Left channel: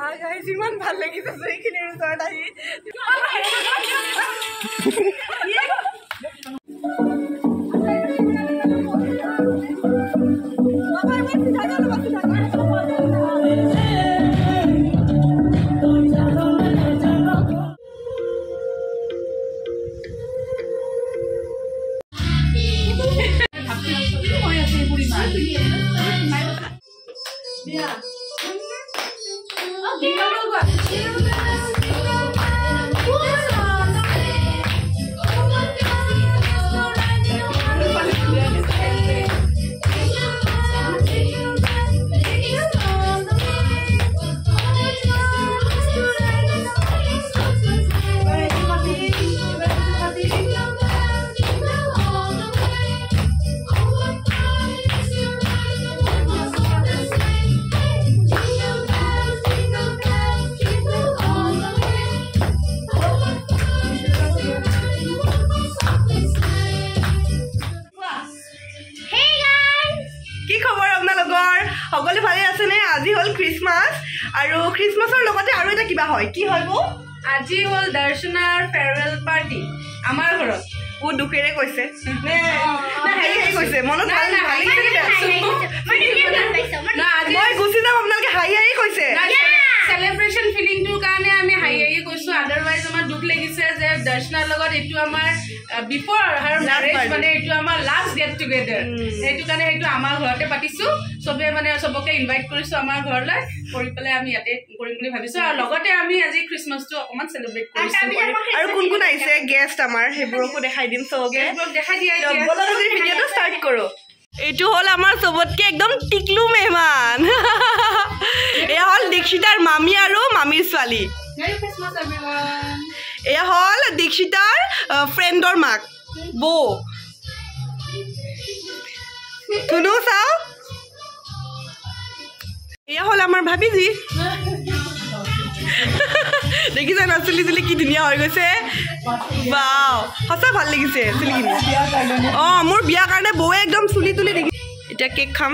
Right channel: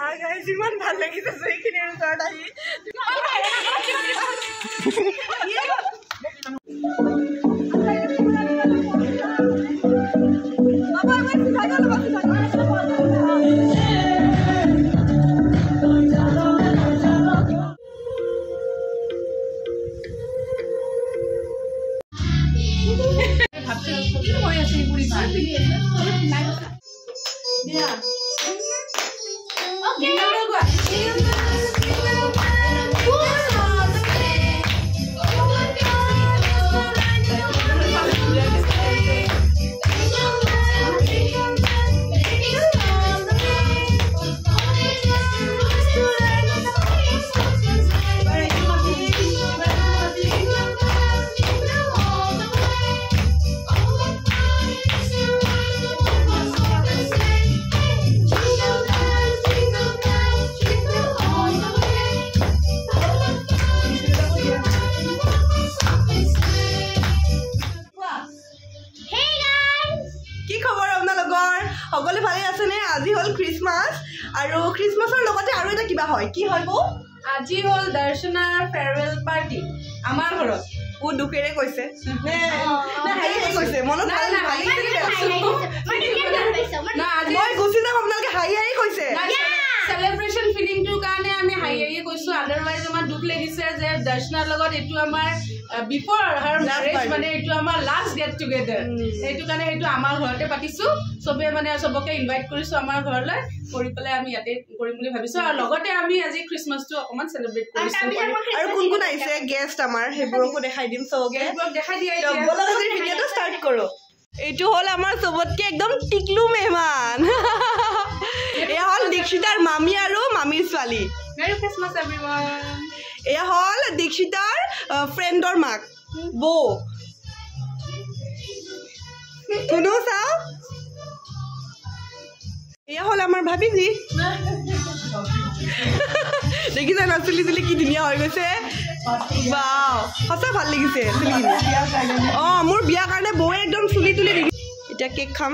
Guys ইমান ভাল লাগিছে এইখিনিৰ ওচৰত আহি সকলে ভালে আছে নে আজি হল ক্ৰিসমাস আৰু ক্ৰিসমাসৰ লগতে আৰু এটা কিবা হয় কি হয় বো আজি হল দৰ্শনাৰ ফেয়াৰৱেল পাৰ্টি আমাৰ ঘৰত ও দুখেৰে কৈছে নে না হাই হাই কৈছে মনত ভাল ভাল লাগিছে না মই গুছি যাম আপোনালোকে হাই হাই কৈছে সেলিব্রেশন ফিলিংটোৰ কাৰণে আমি হাই হাই কৈছো আদাৰৱাইজ আমাৰ দুখ লাগিছে যে দৰ্শনাৰ লগত এটো আমাৰ বিফৰ হাৰ ম্যাৰেজ মানে এটো আমাৰ লাস্ট গেট টুগেদাৰ এটো কাৰণে এটো আমাৰ ঘৰতে পাতিছো সবে মানে সবকে ইনভাইট কৰিছো আমাৰ ঘৰলৈ কৰি পেলাই আমি ইয়াতে কৰিম বুলি ভাবিছো আৰু লগতে আমি আজি ক্ৰিসমাসটো অকমান সেলিব্ৰেট কৰিছো আৰু কোন কোন আহিছে গেষ্ট আমাৰ হেবোৰকো দেখাই দিম সবকে দেখাই দিয়া বলা আজি ভিডিওটো স্টাৰ্ট কৰো এইটো হল আমাৰ সবতকে একদম টিকলু মেহমান এয়া হল দীক্ষিতাৰ মামি আৰু মামিৰ ছোৱালী মেৰি ক্ৰিসমাস এভৰিওয়ান এয়া হল দীক্ষিতাৰ ফ্ৰেণ্ডৰ মাক বো তুনো চাও এয়া হল আমাৰ ভাবিজি দেখিছা না চুলি চুলি কি ধুনীয়া হৈ গৈছে বাও সঁচা ভাল লাগিছে চুলিখিনি মোৰ বিয়া কাৰণে বৌয়ে একদম চুলি তুলি দেখি এতিয়া কেক খাম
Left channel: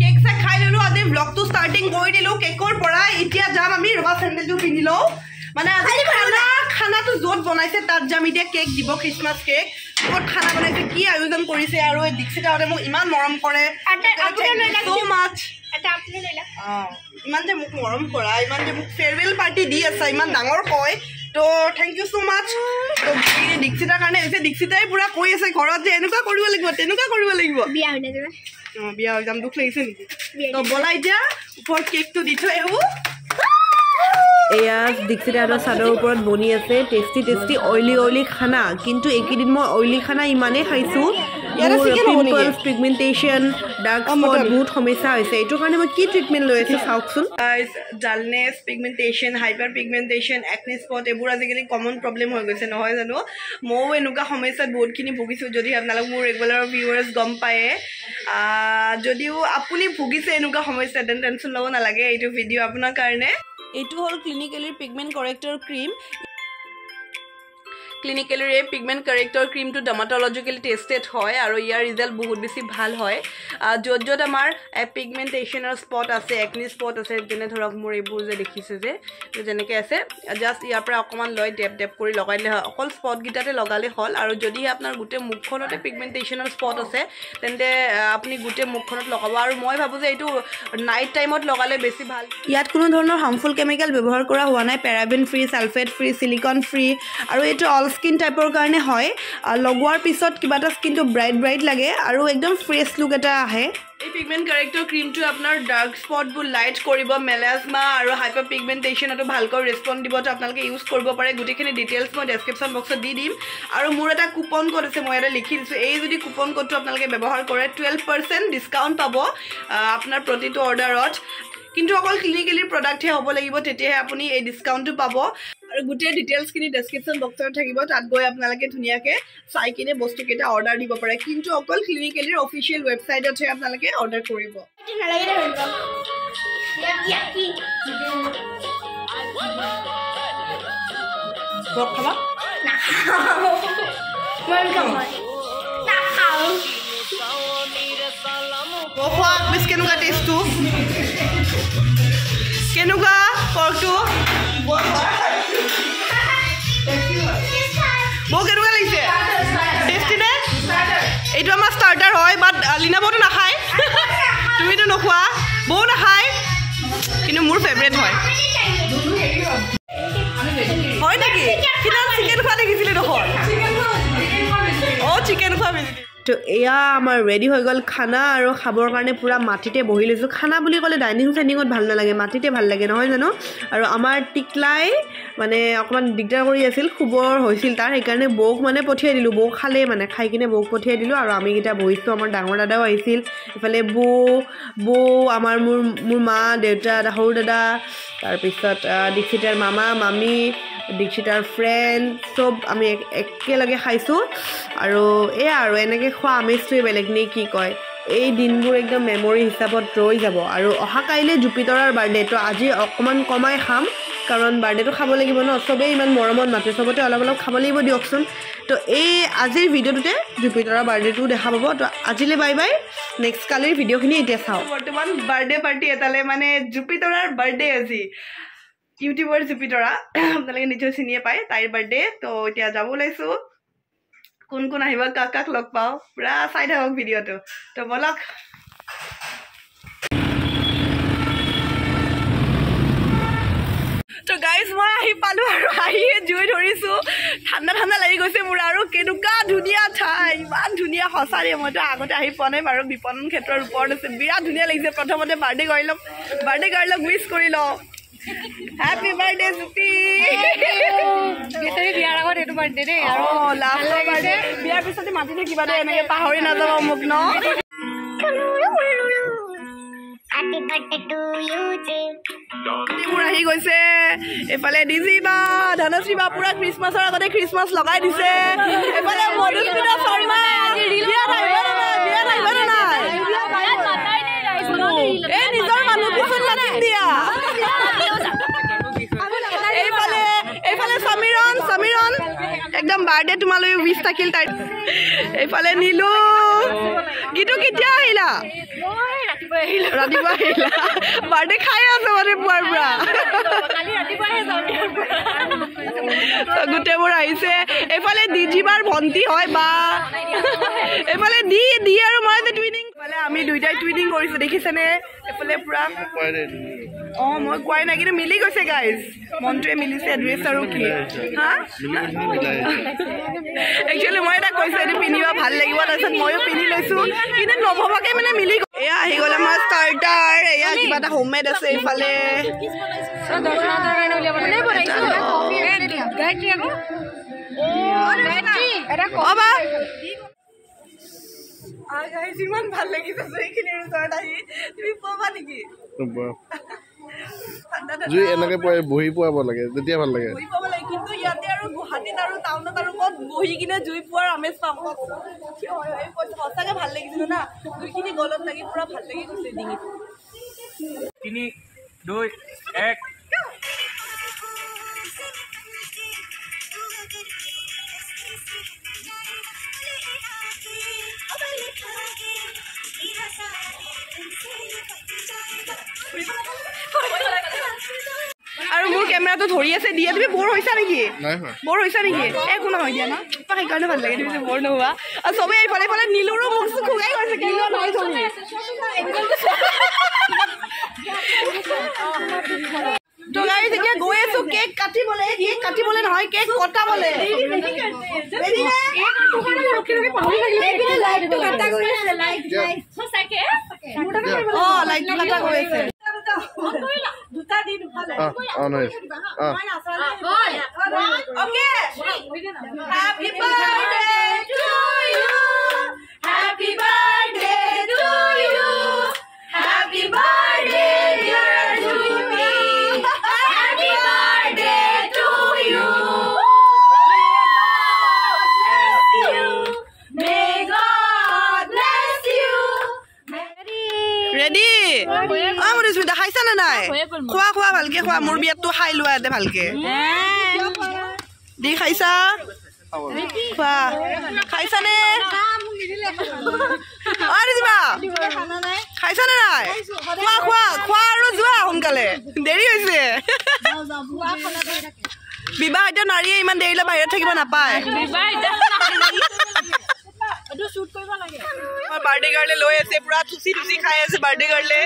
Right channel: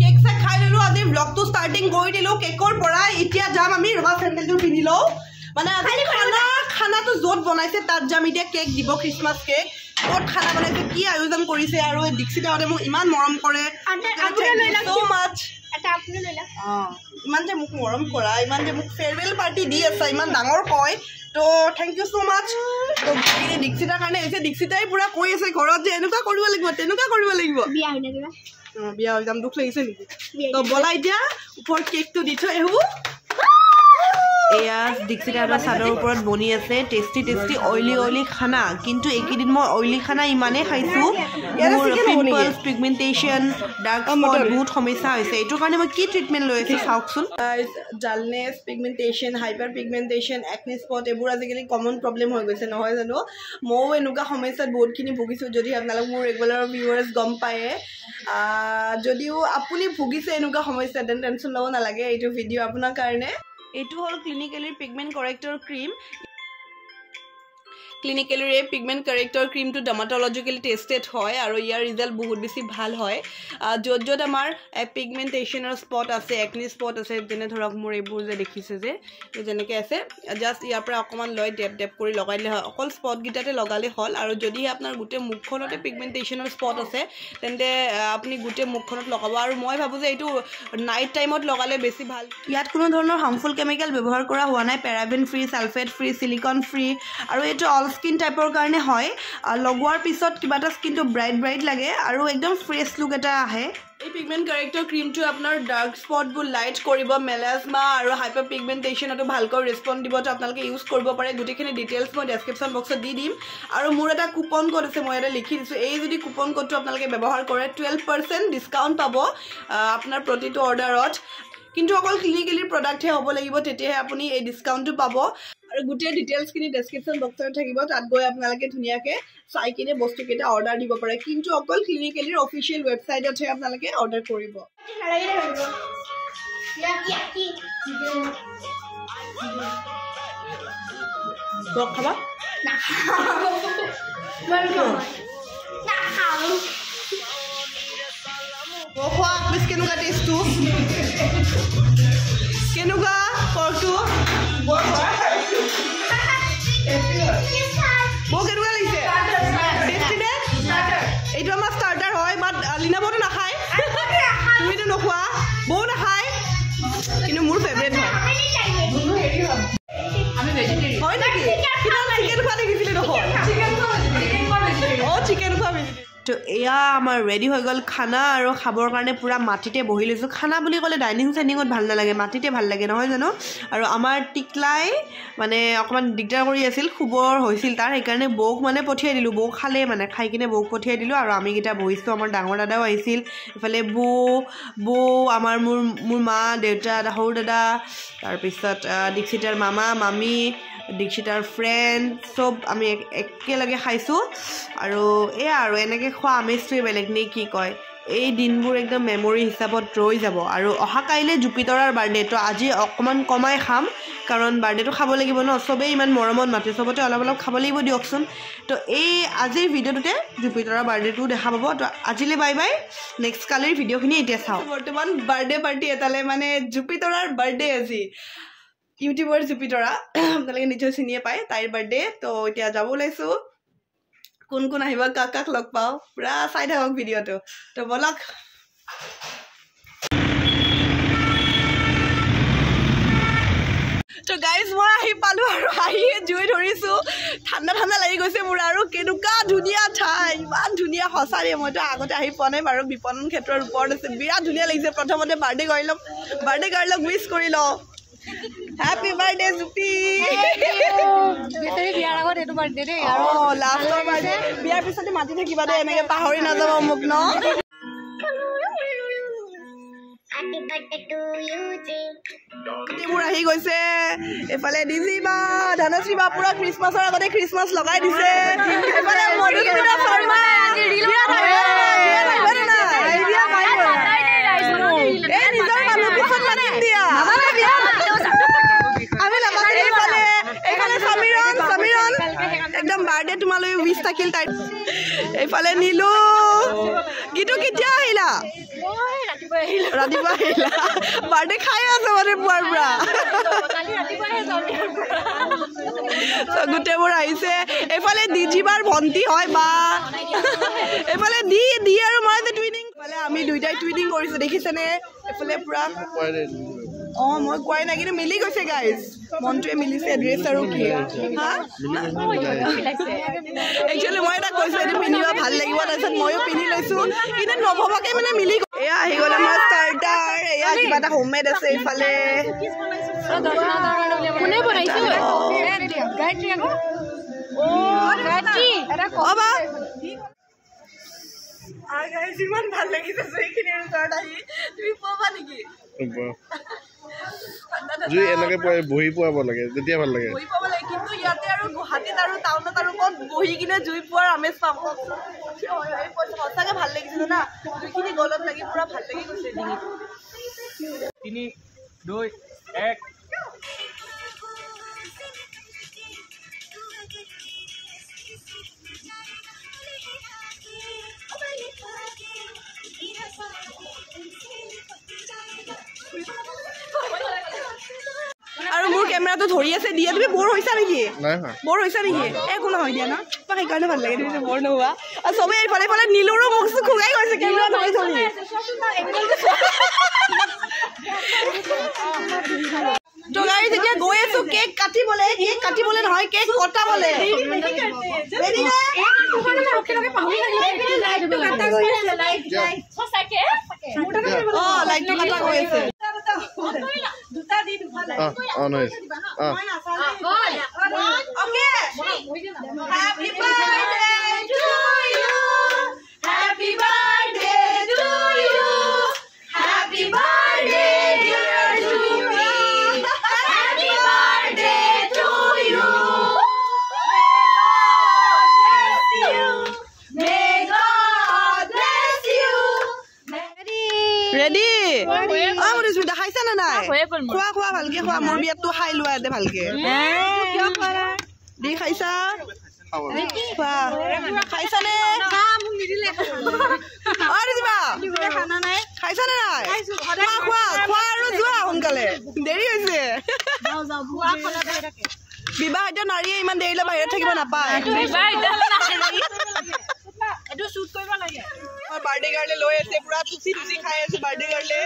কেক চা খাই ললো আজি ব্লগটো স্টাৰ্টিং কৰি দিলো কেকৰ পৰা এতিয়া যাম আমি ৰবা চেণ্ডেলটো পিন্ধি লওঁ মানে আজি খানাটো য'ত বনাইছে তাত যাম এতিয়া কেক দিব ক্ৰিসমাস কেক ক'ত খানা বনাইছে কি আয়োজন কৰিছে আৰু দীক্ষিতাহঁতে মোক ইমান মৰম কৰে so much ইমান যে মোক মৰম কৰা ইমান যে মোক ফেয়াৰৱেল পাৰ্টি দি আছে ইমান ডাঙৰ কয় তো থেংক ইউ সো মাচ তো দীক্ষিতাৰ কাৰণে হৈছে দীক্ষিতাই পুৰা কৈ আছে ঘৰত যে এনেকুৱা কৰিব লাগিব তেনেকুৱা কৰিব লাগিব বিয়া হৈ নাযাবা বিয়া হৈ যাম দুখ লাগিছে নেকি তো বলা এতিয়া ওপৰত কেকটো দি থৈ আহো এয়া দীক্ষিতাৰ চাদৰ ওপৰত বনি আছে টেষ্টি টেষ্টি অইলি খানা কিন্তু এইকেইদিন মই অইলি খানা ইমানেই খাইছোঁ পিম্পলছ পিগমেণ্টেশ্যন ডাৰ্ক স্পট বহুত সমস্যা হৈছে এইটোৰ কাৰণে মই কি ট্ৰিটমেণ্ট লৈ আছোঁ চাওকচোন dullness pigmentation hyperpigmentation acne spot এইবোৰ আজিকালি কমন প্ৰব্লেম হৈ গৈছে নহয় জানো ময়ো এনেকুৱা সমস্যাত বহুতখিনি ভুগিছোঁ যদি আপোনালোক মোৰ ৰেগুলাৰ ভিউৱাৰ্ছ গম পায়ে যদিও আপুনি ভুগিছে এনেকুৱা সমস্যা তেন টেনশ্যন ল'ব নালাগে এইটো ভিডিঅ' আপোনাৰ কাৰণে এইটো হল ক্লিনিকেলিৰ পিগমেণ্ট কাৰেক্টৰ ক্ৰীম ক্লিনিকেলিৰ এই পিগমেণ্ট কাৰেক্টৰ ক্ৰীমটো ডাৰ্মাটলজিকেলি টেষ্টেড হয় আৰু ইয়াৰ ৰিজাল্ট বহুত বেছি ভাল হয় য'ত য'ত আমাৰ পিগমেণ্টেশ্যনৰ স্পট আছে একনি স্পট আছে যেনে ধৰক মোৰ এইবোৰ যে দেখিছে যে যেনেকৈ আছে জাষ্ট ইয়াৰ পৰা অকণমান লৈ ডেপ ডেপ কৰি লগাই দিলে হয় অকল স্পটকেইটাতে লগালে হ'ল আৰু যদিহে আপোনাৰ গোটেই মুখখনতে পিগমেণ্টেশ্যনৰ স্পট আছে তেন্তে আপুনি গোটেই মুখখনত লগাব আৰু মই ভাবোঁ যে এইটো নাইট টাইমত লগালে বেছি ভাল ইয়াত কোনো ধৰণৰ হাৰ্মফুল কেমিকেল ব্যৱহাৰ কৰা হোৱা নাই paraben free sulphate free silicon free আৰু এইটো অল স্কিন টাইপৰ কাৰণে হয় লগোৱাৰ পিছত কিবা এটা স্কিনটো ব্ৰাইট লাগে আৰু একদম ফ্ৰেছ লুক এটা আহে এই পিগমেণ্ট কাৰেক্টৰ ক্ৰীমটো আপোনাৰ ডাৰ্ক স্পটবোৰ লাইট কৰিব মেলাজমা আৰু হাইপাৰ পিগমেণ্টেশ্যনতো ভালকৈ ৰেছপন্ড দিব তো আপোনালোকে ইউজ কৰিব পাৰে গোটেইখিনি ডিটেইলছ মই ডেছক্ৰিপশ্যন বক্সত দি দিম আৰু মোৰ এটা কুপন কোড আছে মই এটা লিখি দিছোঁ এই যদি কুপন কোডটো আপোনালোকে ব্যৱহাৰ কৰে 12% ডিছকাউণ্ট পাব আপোনাৰ প্ৰতিটো অৰ্ডাৰত কিন্তু অকল ক্লিনিকেলিৰ প্ৰডাক্টহে হ'ব লাগিব তেতিয়াহে আপুনি এই ডিছকাউণ্টটো পাব আৰু গোটেই ডিটেইলছখিনি ডেছক্ৰিপশ্যন বক্সত থাকিব তাত গৈ আপোনালোকে ধুনীয়াকৈ চাই কিনে বস্তুকেইটা অৰ্ডাৰ দিব পাৰে কিন্তু অকল ক্লিনিকেলিৰ অফিচিয়েল ৱেবছাইটতহে আপোনালোকে অৰ্ডাৰ কৰিব খাবা খোৱা বেছ কেনেকুৱা টেষ্টটো কেনেকুৱা পৰ্কটো বৌ কেনেকুৱা লাগিছে টেষ্টি নে এইটো আমাৰ ষ্টাৰ্টাৰ হয় বাট লীনা বৌটো নাখায় তুমিতো নোখোৱা বৌ নাখায় কিন্তু মোৰ ফেভৰেট হয় হয় নেকি সিদিনা চিকেন খোৱা দেখিছিলে নহয় অঁ চিকেন খোৱা তো এয়া আমাৰ ৰেডি হৈ গ'ল খানা আৰু খাবৰ কাৰণে পূৰা মাটিতে বহি লৈছোঁ খানা বুলি ক'লে ডাইনিং চাইনিঙত ভাল নালাগে মাটিতে ভাল লাগে নহয় জানো আৰু আমাৰ টিকলাই মানে অকণমান দিগদাৰ কৰি আছিল শুবৰ হৈছিল তাৰ সেইকাৰণে বৌক মানে পঠিয়াই দিলোঁ বৌ খালে মানে খাই কিনে বৌক পঠিয়াই দিলোঁ আৰু আমিকেইটা বহিছোঁ আমাৰ ডাঙৰ দাদাও আহিছিল এইফালে বৌ আমাৰ মোৰ মা দেউতা সৰু দাদা তাৰপিছত দীক্ষিতাৰ মামা মামী দীক্ষিতাৰ ফ্ৰেণ্ড চব আমি একেলগে খাইছোঁ আৰু এয়া আৰু এনেকৈ খোৱা আমেজটোৱে বেলেগ নে কি কয় এই দিনবোৰ একদম মেমৰি হিচাপত ৰৈ যাব আৰু অহা কাইলৈ জুপিতৰাৰ বাৰ্থডে তো আজি অকণমান কমাই খাম কাৰণ বাৰ্থডেটো খাব লাগিব ন চবেই ইমান মৰমত মাতে চবতে অলপ অলপ খাব লাগিব দিয়কচোন তো এই আজিৰ ভিডিঅ'টোতে জুপিতৰাৰ বাৰ্থডেটো দেখা পাব তো আজিলৈ বাই বাই নেক্সট কালিৰ ভিডিঅ'খিনি এতিয়া চাওঁ বৰ্তমান বাৰ্থডে পাৰ্টি এটালৈ মানে জুপিতৰাৰ বাৰ্থডে আজি ইউটিউবৰ জুপিতৰা আপোনালোকে নিশ্চয় চিনিয়ে পায় তাইৰ বাৰ্থডে তো এতিয়া যাব ওলাইছোঁ কোন কোন আহিব কাক কাক লগ পাওঁ পুৰা চাই থাকক ভিডিঅ'টো তো বলক তো গাইজ মই আহি পালোঁ আৰু আহিয়ে জুই ধৰিছোঁ ঠাণ্ডা ঠাণ্ডা লাগি গৈছে মোৰ আৰু কেনেকুৱা ধুনীয়া ঠাই ইমান ধুনীয়া সঁচাৰে মইতো আগতে আহি পোৱা নাই বাৰু বিপণন ক্ষেত্ৰৰ ওপৰত আছে বিৰাট ধুনীয়া লাগিছে প্ৰথমতে বাৰ্থডে গাৰ্লক উইচ কৰি লওঁ Happy birthday, Zupi! বিয়াৰ আগত এইটো বাৰ্থডে দেই অঁ লাষ্টৰ বাৰ্থডে বিয়াৰ পিছতে মাতি থাকিবা দেই এনেকৈ পাহৰি নাযাব মোক ন মোৰ আহি গৈছে এইফালে ডিজি বা ধনশ্ৰী বা পুৰা খ্ৰীষ্টমাছৰ আগতে খ্ৰীষ্টমাছ লগাই দিছে এইফালে মধুস্মিতা শৰ্মা বিয়াত আহিব নে নাই এই নিজৰ মানুহ পিছত মাতিম দিয়া এইফালে সমীৰণ একদম বাৰ্থডে তোমালৈ উইচ থাকিল তাই এইফালে নীলু গীতু কেতিয়া আহিলা ৰাতিপুৱা আহিলা বাৰ্থডে খাই আছে মানে পুৱাৰ পৰা গোটেইবোৰ আহিছে এইফালে ডিজিবাৰ ভণ্টি হয় বা এইফালে দি আৰু মই যে টুইনিং এইফালে আমি দুইটাই টুইনিং কৰিছোঁ দেখিছেনে এইফালে পুৰা অঁ মই কোৱাই নাই কিন্তু মিলি গৈছে গাইজ মনটোৱে মিলিছে ড্ৰেছ আৰু কি হা একচুৱেলি মই এটা কৈছোঁ এইটো পিন্ধিবা ভাল লাগিব তাৰপিছত ময়ো পিন্ধি লৈছোঁ কিন্তু নভবাকৈ মানে মিলি এয়া আহি গ'ল আমাৰ ষ্টাৰ্টাৰ এয়া কিবা এটা হোমমেড আছে এইফালে ইমান ভাল লাগিছে এইখিনি ওচৰত আহি তুমি পাবা নেকি বহি পোৱাব লাগে তেতিয়া ভাল লাগে কিন্তু ইয়াতে আৰু গুৱাহাটীত আৰু টাউনত আৰু ক'ত বহি কিনে জুই পোৱাৰ আমেজ পাম সঁচাকে ভাল লাগিছে না দুইখিনি গলত লাগি পুৰা ভাল লাগি গৈছে ডিঙিটো 3, 2, 1 আৰু মোৰ কেমেৰাটো ধৰি আছে দিয়া তুমি বৰ হৈছা নেকি একো নহয় দিয়া ন সেইকাৰণে ভাল লাগে তুমি যে বৰ নোহোৱা আৰু চবেই এইফালে এইফালে নীলৰো মুখ চুখ খোলাই গৈছে কেমেৰা ধৰি তো গাড়ী যেতিয়া গৈ আছো কেক কাটিবলৈ নহয় কেক কটাবলৈ অঁ লাইটটো কাটা গৈ আছে ৰেডি মধুস্মিতা খাইছা নে নাই খোৱা ভালকে খোৱা মোৰ বিয়াতটো খাই লোৱা ইয়াতে ভালকে দি খাইছা খোৱা খাইছানে খাইছানে নাই খোৱা খোৱা খোৱা আৰু যোৱা সোনকালে দেৰি হৈছে বিবাহিত নাৰীয়ে ইমান দেৰিলৈ বাহিৰত থাকিব নাপায় বাৰ্থডে গাৰ্লে লৈ আছে পুৰা থুচি থুচি খাই আছে বাৰ্থডে গাৰ্লে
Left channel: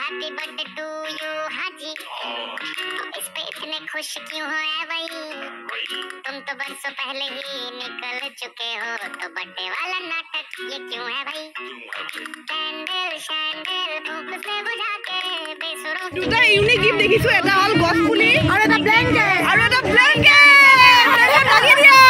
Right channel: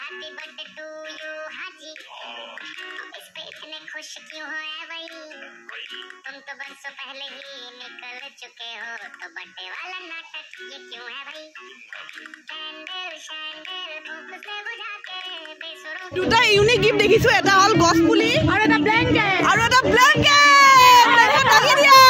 हैप्पी बर्थडे टू यू हाजी इस पे इतने खुश क्यों हो है भाई तुम तो बरसों पहले ही निकल चुके हो तो बर्थडे वाला नाटक ये क्यों है भाई कैंडल शैंडल धूप से बुझा के बेसुरों দুটা ইউনিক গিফট দেখিছো এটা হল গছ পুলি আৰু এটা ব্ল্যাঙ্কেট ব্ল্যাঙ্কেট লাগি দিয়া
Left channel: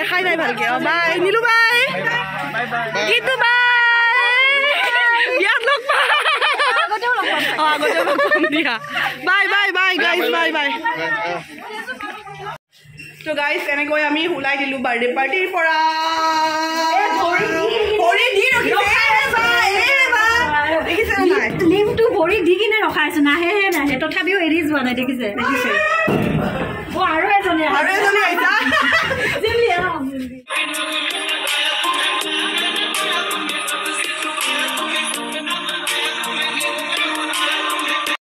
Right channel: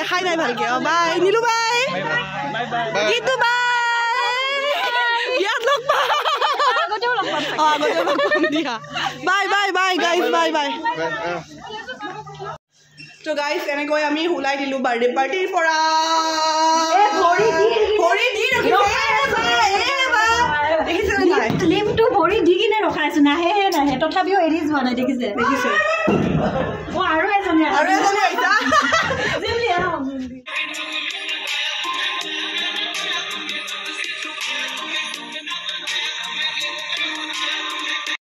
দেখাই নাই ভালকে বাই নীলু বাই গীতু বাই ইয়াত লগ পাম আগতে লগ পাম দিয়া bye bye bye guys bye bye তো গাইজ এনেকৈ আমি ওলাই দিলো বাৰ্থডে পাৰ্টিৰ পৰা ভৰি দি দেখিছে নাই লিমটো ভৰি দি কিনে ৰখাই আছে নাহে নাহে তথাপিও এৰি যোৱা নাই দেখিছে দেখিছে আৰু এজনী আহিছা